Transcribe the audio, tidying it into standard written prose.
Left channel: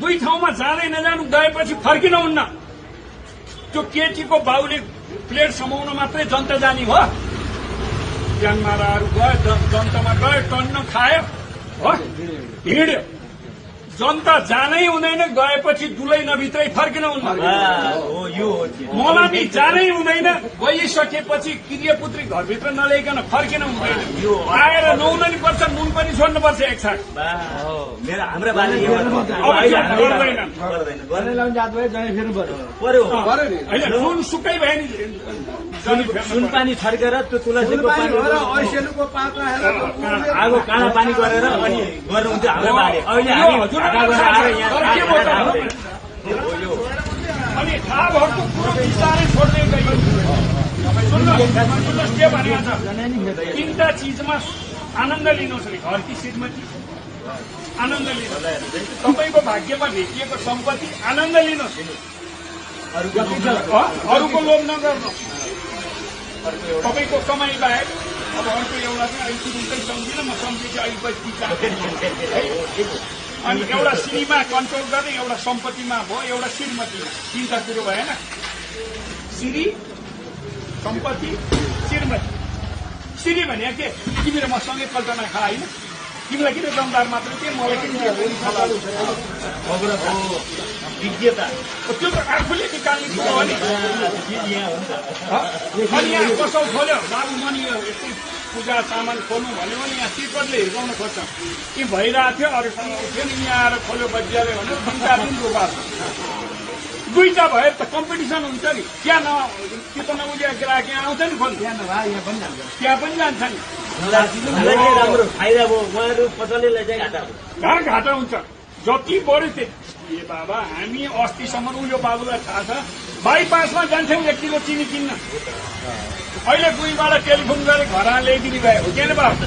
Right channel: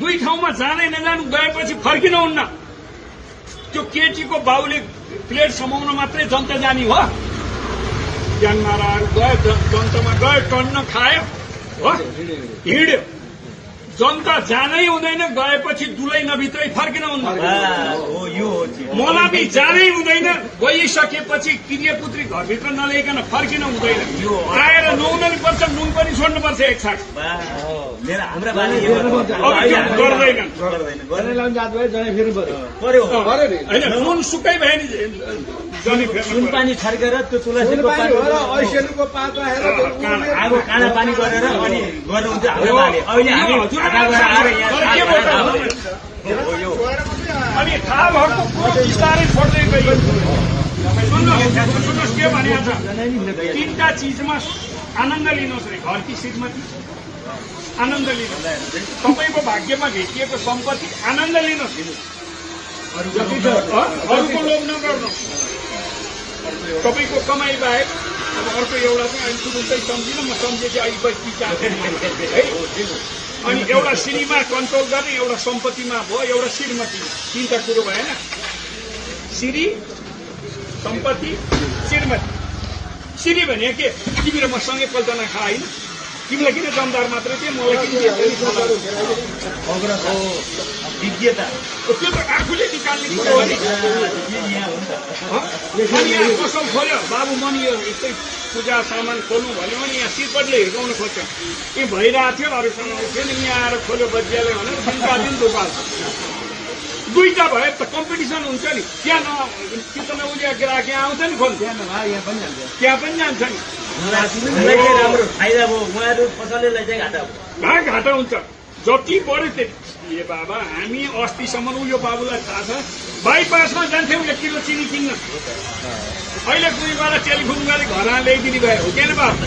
दुई ठाउँमा जाँदै नजानु गएपछि फर्किनुहुन्न। त्यो केटीको बाबुले प्लेट समाउन मात्रै जनता जाने हो। ज्ञानमाराहरू गए जनतामा गए टन्न खायो हो हिँड्यो। जनता जानै हुँदैन गएपछि दुलै नभित्रै फर्किनुहुन्न। मलाई जानै हुँदैन गइसकेपछि क्रियापुत्री घरभित्र नल्याइकन फर्किन हुँदैन। आएर नुहाउनु पर्छ नुन पनि छोड्नुपर्छ एक छाक। नुन सुकै भयो नि नुन पानी छर्केर त्यो तुलसीको पानी ऐसेलुको पात राखेर आगो काँडा पानी गरेर अनि गर्नुहुन्थ्यो हाम्रो बाले। अहिले हामी अनि थाहा भएको कुरो बिस्तारै छोड्दै गयो। सुन्नुहोस् के भनेको छ, तीनटा चिजमा आनन्द लिनुहोस् रे। घरकी श्रीमती आनन्द लिनुहोस्, तपाईँको भाग्यमा भेटिएको सम्पत्ति आनन्द लिनुहोस्, अरूको लोभ नगर्नु। तपाईँको कमाई बाहेक अब अर्को एउटा चाहिँ अहिले तुरुन्तै सम्झिनँ म, सम्झेपछि अहिले बस्ती है। अनि एउटा सिरीमा कन्ट्रोल गर्ने, एउटा सम्पत्तिमा भयो, एउटा श्रीमतीमा। तीनटा कुरो भएन, सिरी सम्पत्ति श्रीमती। सिरी भने के, तिमी र म सँगै कल्पना खा होइन, तिमीलाई किन जमदार मात्रै थिए मलाई किन विज्ञता त्यो त आफूले निकाल्ने कुरो हो नि। अनि यहाँ पसल खोल्यो बाबु मनी यस्तै पूजा सामान खोल्नु भन्यो भने यहाँ तिब्बतले हिर्काउन खोज्छ। यी भइरहेको थियो अरूसँग थियो नि, यहाँ आएर खोल्यो बजिहाल्यो भने 3-4 दिन रोपार। दुईटा भए त कम्पिटिसन हुन्छ नि। त्यहाँ कि त उसले ग्राहक यहाँ आउँछ नि खोल्नु, त्यहाँ पनि जान्छ नि। राम्रो फाइदा भयो, उहाँहरू पसलले चाहिँ घाटा भयो। कहाँ घाटा हुन्छ, जति बढ्यो त्यति। ए बाबा हामी अस्तिसम्म उयो बाबुलाई थाहा छ बाइपासमा जान्थ्यौँ 1 किलो चिनी किन्न। अहिले कुनैबाट टेलिफोन गरेर घर ल्याइदिने भयो, के नि बाबु।